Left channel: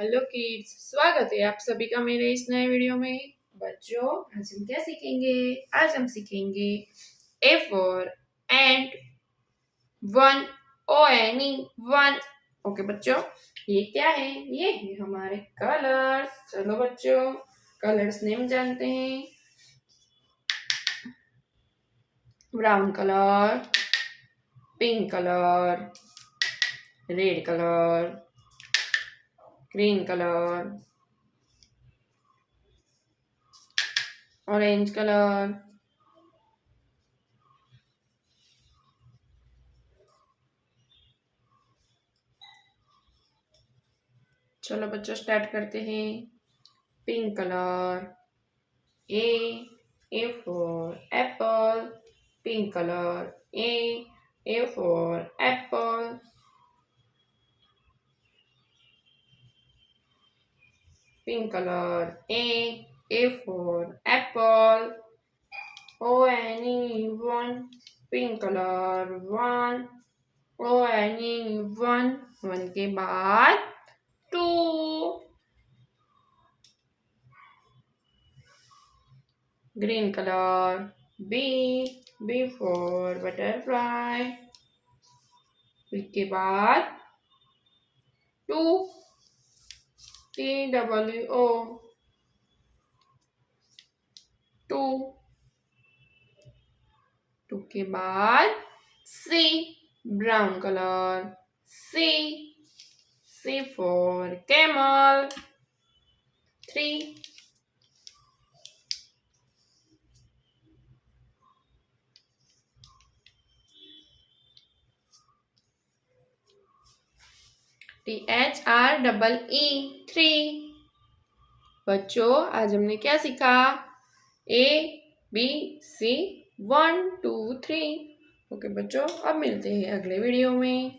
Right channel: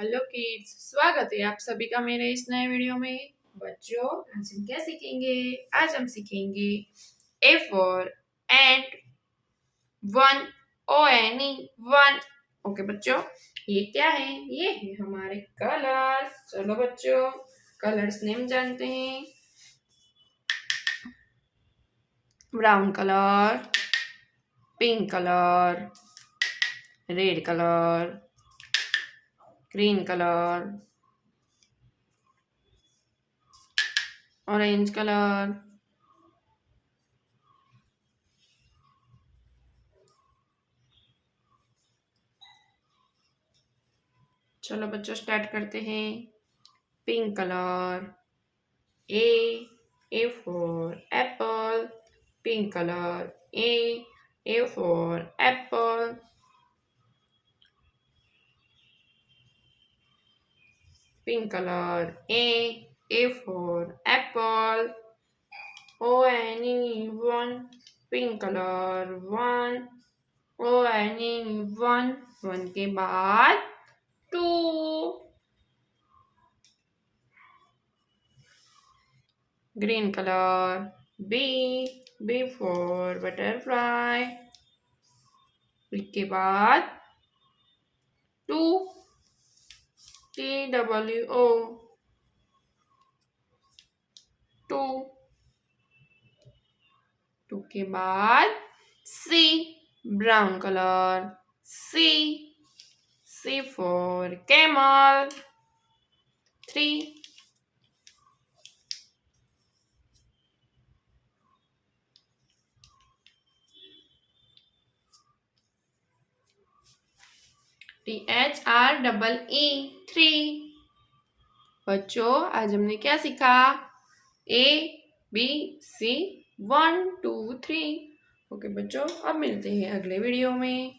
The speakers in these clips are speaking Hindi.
हेलो किड्स, स्वागत है आप सभी का मेरे इस नए वीडियो में। बच्चों, आज हम क्या सीखेंगे? आज हम सीखेंगे A for and, one, O N E, one. Okay बच्चों, ये क्या है? ये है हमारे कलर्स। चलो बच्चों, कलर्स नेम जानते हैं। Brown colour, pink colour, red colour, green colour, orange colour. चलो बच्चों, स्टार्ट करते हैं। Pink colour, A for apple, pink color, A for apple, pink color, A for apple, O-N-E, one, pink color, one, O-N-E, one के बाद two, green color, B for butterfly, B के बाद two, TWO, टू के बाद C, brown colour, C for camel, three, THREE, three. बच्चों, आज हमने क्या सीखा? ABC, 1 2 3। ओके बच्चों, अब मिलते हैं अगले वीडियो में।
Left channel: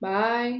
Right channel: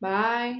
बाय।